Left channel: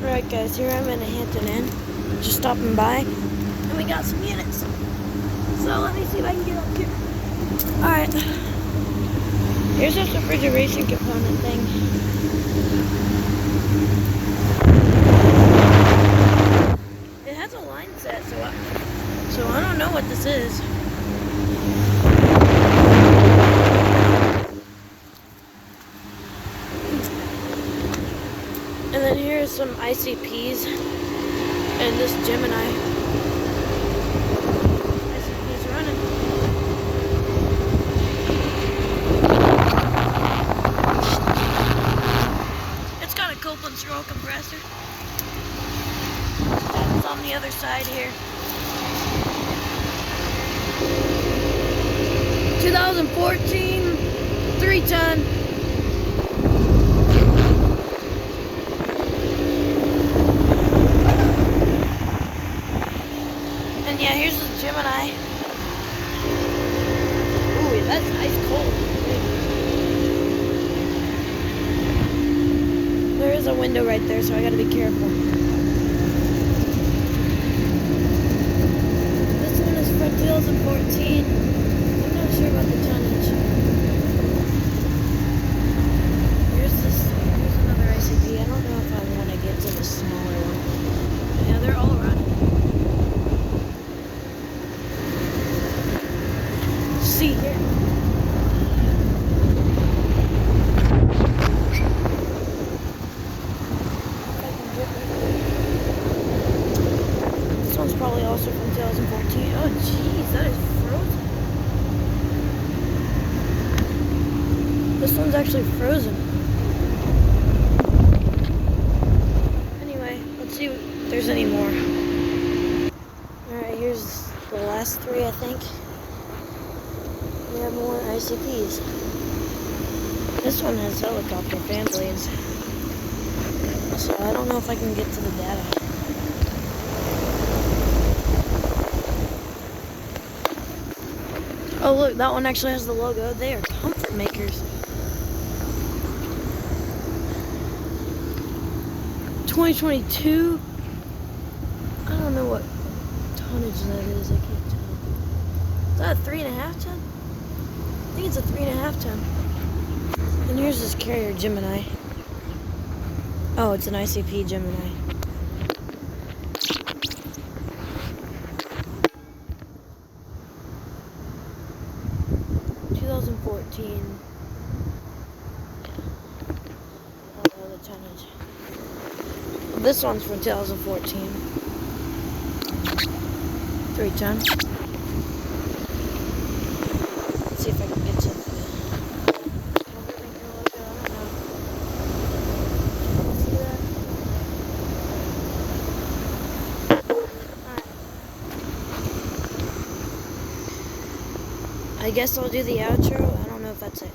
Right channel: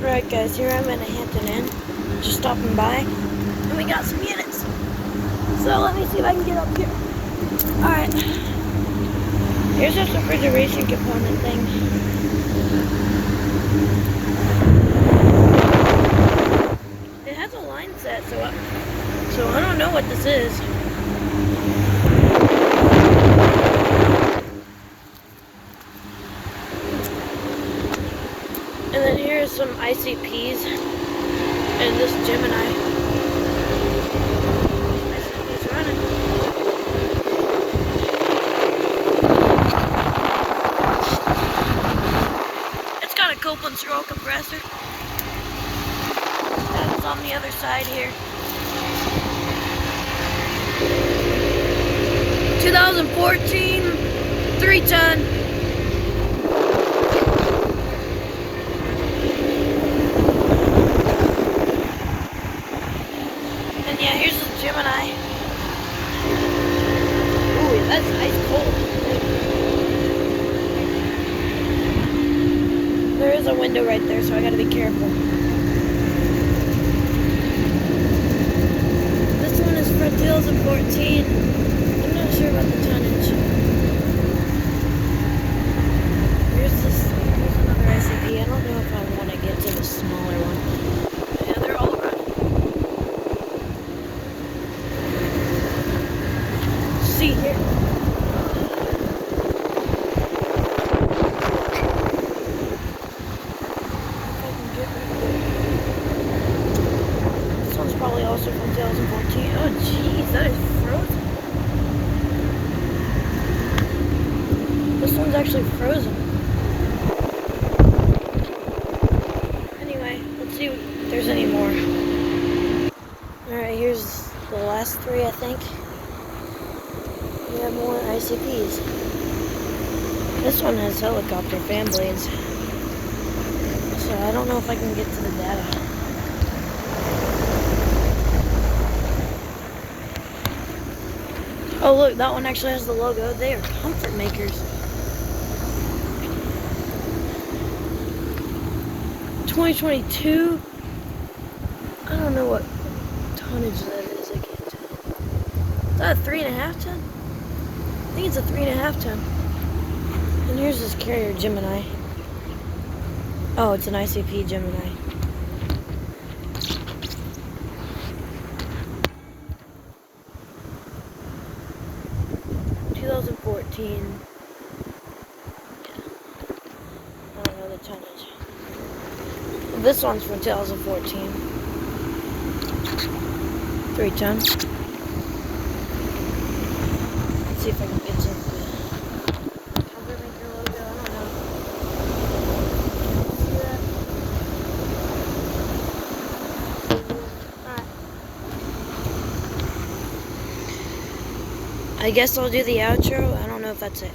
Alright guys, here I'm in a Hampton Inn, just stopping by, and we got some units. So let me see if I can get up here. Alright, here's this refrigeration component thing. It has a line set, so I don't know what this is. And then here's some ICPs and this Gemini. ICP's running. It's got a Copeland scroll compressor. And it's on the other side here. 2014 3-ton. And yeah, here's the Gemini. Ooh, that's ice cold. There is a window right there, so I gotta be careful. This one is from 2014. I'm not sure about the tonnage. Here's another ICP. I don't know if I want to get to the smaller one. But yeah, they're all around. See here. This one's probably also from 2014. Oh jeez, that is frozen. This one's actually frozen. Anyway, let's see if there's any more. Alright, here's the last three, I think. We have more ICPs. This one has helicopter fan blades. So I don't know if I can get to the data. Oh look, that one actually has the logo. They are comfort makers. 2022. I don't know what tonnage that is. I can't tell. Is that a 3.5 ton? I think it's a 3.5 ton. And here's this carrier Gemini. Oh, it's an ICP Gemini. Yeah. 2014. Yeah. I don't know the tonnage. This one's from 2014. 3-ton. Let's see if I can get some comfort maker logo. I don't know. See that? I guess I'll do the outro. I don't know if that's it.